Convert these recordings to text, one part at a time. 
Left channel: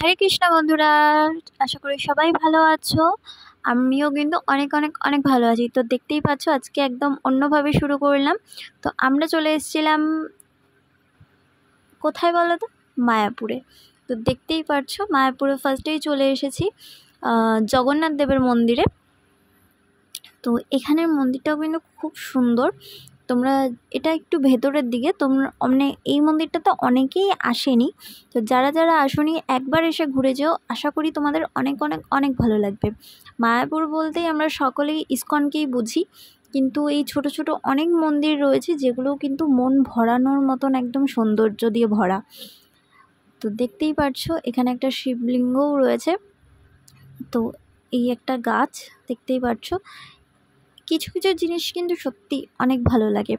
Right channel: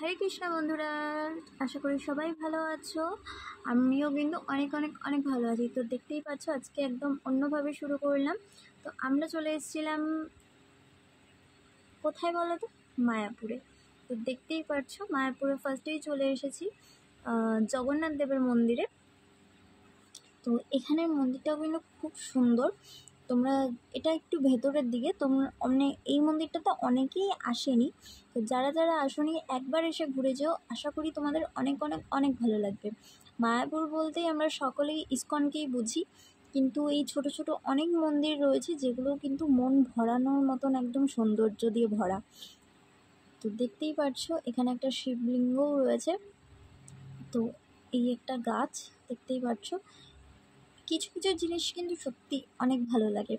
হরে কৃষ্ণ বন্ধুরা, আশা করি সবাই ভালো আছো। আমিও কিন্তু অনেক অনেক অনেক ভালো আছি। তো দেখতেই পাচ্ছ আজকে একদম অন্যভাবে শুরু করলাম। তো আমরা চলে এসেছিলাম কোথায় বলো তো, মায়াপুরে। তো দেখতেই পাচ্ছ মায়াপুরে ফার্স্টেই চলে এসেছি জগন্নাথ দেবের মন্দিরে। তো এখানের মন্দিরটাও কিন্তু খুব সুন্দর। তোমরা এটা একটু ভেতরের দিকে, তোমরা মানে এই মন্দিরটা তো অনেকেই আসেনি। তো যারা যারা আসনি একবার এসে ঘুরে যেও, আশা করি তোমাদের অনেক অনেক অনেক ভালো লাগবে। মায়াপুর বলতেই আমরা সকলেই ইস্কনকেই বুঝি, কিন্তু এই ছোট ছোট অনেক মন্দির রয়েছে যেগুলো কিন্তু মন ভরানোর মতন একদম সৌন্দর্য দিয়ে ভরা। তো দেখতেই পাচ্ছো এখানে একটা শিবলিঙ্গও রয়েছে। তো এই একটা গাছ দেখতেই পাচ্ছ। কিছু কিছু জিনিস কিন্তু সত্যি অনেক ভালো লাগে।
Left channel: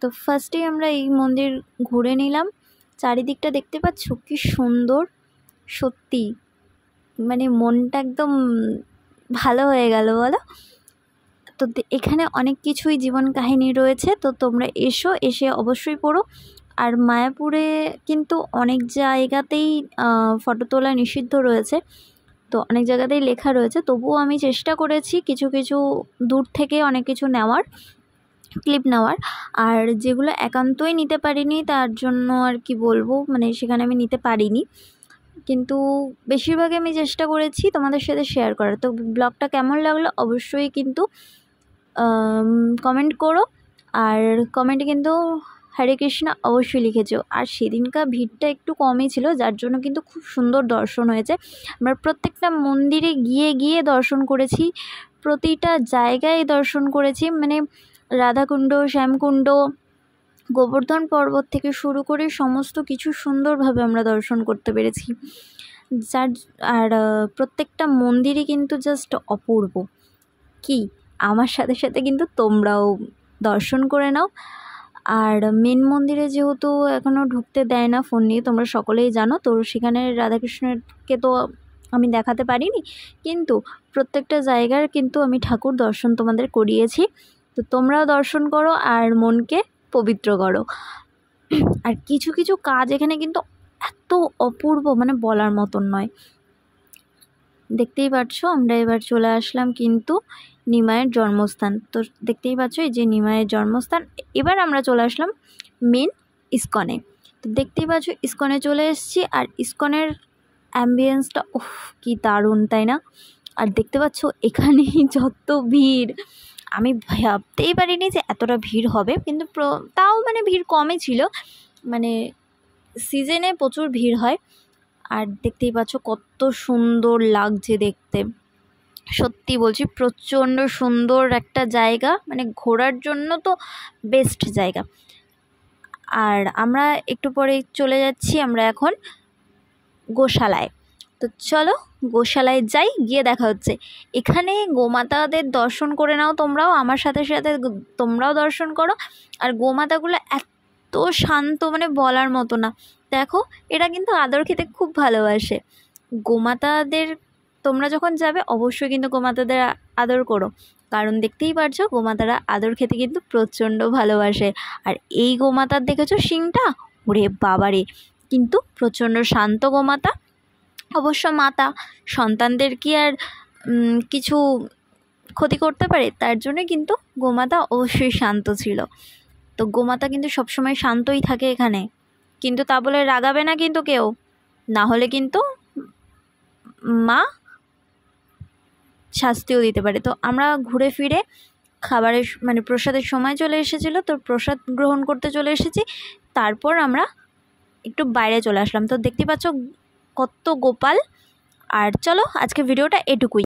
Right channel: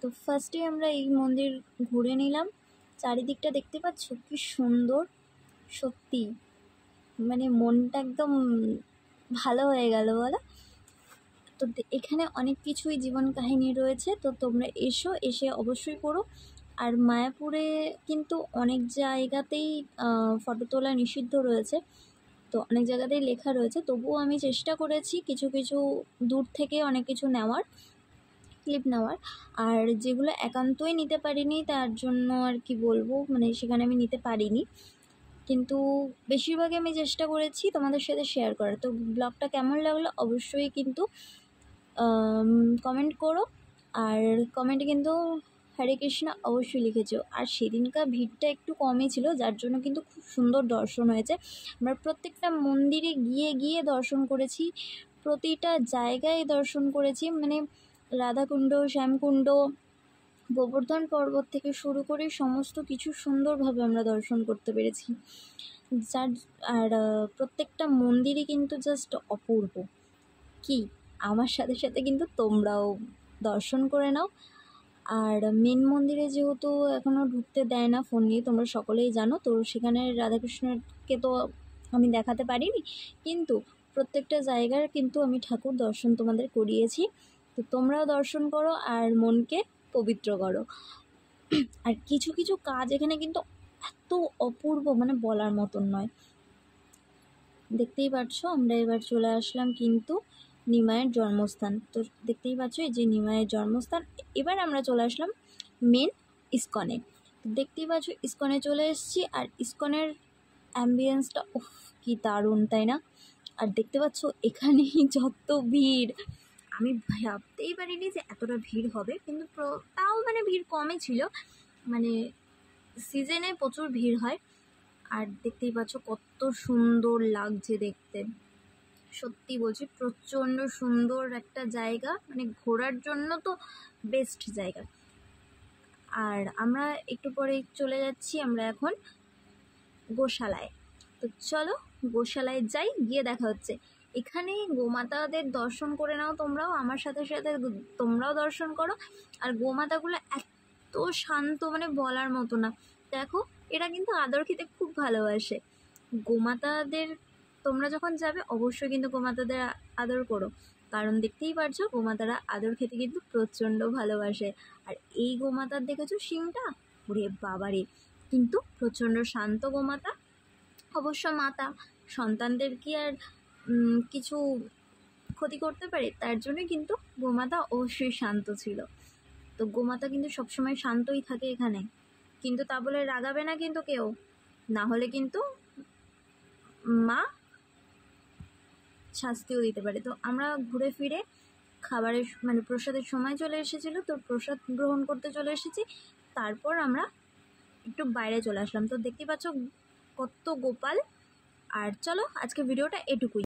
তো ফার্স্টেই আমরা এই মন্দির ঘুরে নিলাম। চারিদিকটা দেখতে পাচ্ছ কি সুন্দর, সত্যি মানে মনটা একদম ভালো হয়ে গেল বলো। তো এখানে অনেক কিছুই জীবন কাহিনী রয়েছে, তো তোমরা এসে অবশ্যই পড়ো। আর মায়াপুরে কিন্তু অনেক জায়গাতেই ফটো তোলা নিষিদ্ধ রয়েছে, তো অনেক জায়গাতেই লেখা রয়েছে। তবুও আমি চেষ্টা করেছি কিছু কিছু দূর থেকে অনেক কিছু নেওয়ার, ক্লিপ নেওয়ার। আর যেগুলো একান্তই নিতে পারিনি তার জন্য আর কি বলবো, মানে সেখানে আমি নিতে পারিনি, কিন্তু বেশিরভাগই আমি চেষ্টা করেছি তোমাদের সাথে শেয়ার করার। তো ব্লগটা কেমন লাগলো অবশ্যই কিন্তু কমেন্ট করো। আর কমেন্টে কিন্তু হরে কৃষ্ণ অবশ্যই লিখেছো। আর সেদিনকার ভিড়টা একটু কমই ছিল, যার জন্য কিন্তু খুব সুন্দর দর্শন হয়েছে। আমরা প্রত্যেকটা মন্দিরে গিয়ে গিয়ে দর্শন করেছি, প্রতিটা জায়গায় দর্শন করেছি, মানে রাধাকুণ্ড, শ্যামকুণ্ড, গোবর্ধন পর্বত থেকে শুরু করে সমস্ত কিছু সুন্দরভাবে আমরা দর্শন করতে পেরেছি। আর প্রত্যেকটা মন্দিরই কিন্তু জাস্ট অপূর্ব। কি আমার সাথে সাথে কিন্তু তোমরাও দর্শন করে নাও। আর মেন মন্দিরে যেহেতু এখনও ঢুকতে দেয় না ফোন নিয়ে, তোমরা সকলেই জানো, তো সেখানে রাধাকৃষ্ণকে তো আমি দেখাতে পারিনি, কিন্তু প্রত্যেকটা জায়গার কিন্তু আমি ঠাকুর দর্শন তোমাদের করিয়েছি। তো তোমরাও দর্শন করো আর মনকে পবিত্র করো। আর কিছু কিছু কাজ এখানে কিন্তু এত অপূর্ব, মানে বলার মতন নয়। দেখতেই পাচ্ছ আমরা এবার চলে আসলাম কিন্তু নিমাইয়ের জন্মস্থান। তো দেখতেই পাচ্ছ এই যে নিমাইয়ের জন্মস্থান। এবার আমরা চলে আসলাম মেন ইস্কনে। তো দেখতেই পাচ্ছ ইস্কনে চলে এসেছি। আর ইস্কনের অ্যাম্বিয়েন্সটা কি দারুণ, তাই না? আর দেখতে পাচ্ছ এখানে যত ভিড়, আমি ভাবতেই পারিনি যে এতটা ভিড় হবে, কিন্তু তাও মানে ভিড় কমই ছিল, মানে সিজনে প্রচুর ভিড় হয়। আর দেখতেই পাচ্ছ কত সুন্দর লাগছে দেখতে, সত্যি বলছি প্রচণ্ড সুন্দর একটা জায়গা, মানে ঘোরার জন্য তো বেস্ট জায়গা। আর আমরা একটু পরে চলে যাচ্ছি আমরা এখন গোশালায়। তো চলো গোশালায় যাই, গিয়ে দেখা হচ্ছে। এখানে গোমাতাদের দর্শন করে নাও তোমরাও, আমার সাথে সাথে তোমরাও দর্শন করো। আর গোমাতাগুলো এত শান্ত, মানে বলার মতো না। দেখো এরা কিন্তু আদর খেতে খুব ভালোবাসে। গোমাতাদের তোমরা যখন যাবে অবশ্যই কিন্তু গোমাতাদের আদর করো, কারণ দেখতেই পারছো গোমাতারা আদর খেতে কিন্তু প্রচণ্ড ভালোবাসে। আর এই গোমাতার দেখেছো শিংটা, ওরে বাবারে, কিন্তু প্রচণ্ড শান্ত গোমাতা। অবশ্য মাতা সন্তানদের কি আর কিছু ক্ষতি করতে পারে, তার জন্য কিন্তু গোমাতা অবশ্যই শান্ত ছিল। তো গোমাতা কিন্তু সবসময় শান্তই থাকে এখানে, কিন্তু তা বলে রাগাবে না কিন্তু কেউ, না হলে কিন্তু মা শাস্তিও দিতে পারে। তো আমরা ঘুরে ফিরে খাবারের মানে প্রসাদের সময় চলে এসেছিলো, তো প্রসাদ গ্রহণ করতে চলে এসেছি। তারপর আমরা একটু বাইরে চলে আসলাম। তো দেখতে পাচ্ছ কত গোপাল। আর চলো আজকে ভিডিওটা এটুকুই।